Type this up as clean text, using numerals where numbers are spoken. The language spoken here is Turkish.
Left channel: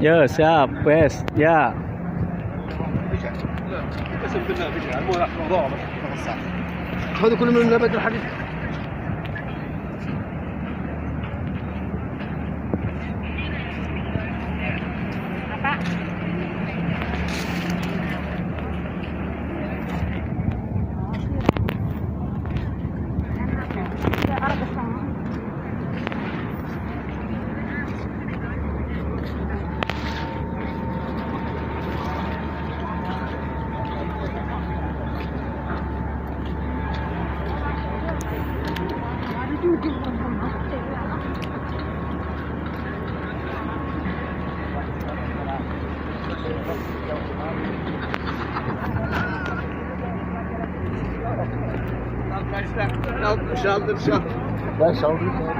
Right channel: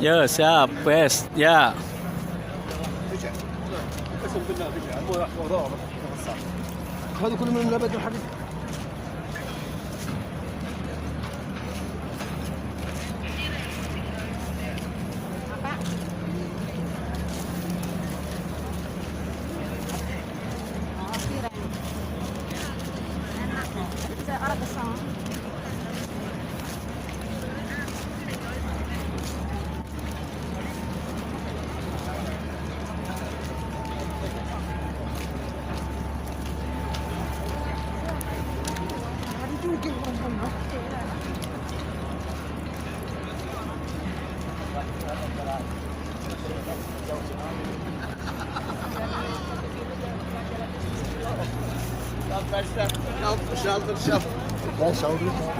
Ya, siap, wes, ya. هذا كله من نبات الحديد. Şaldır. Ben saldırdım.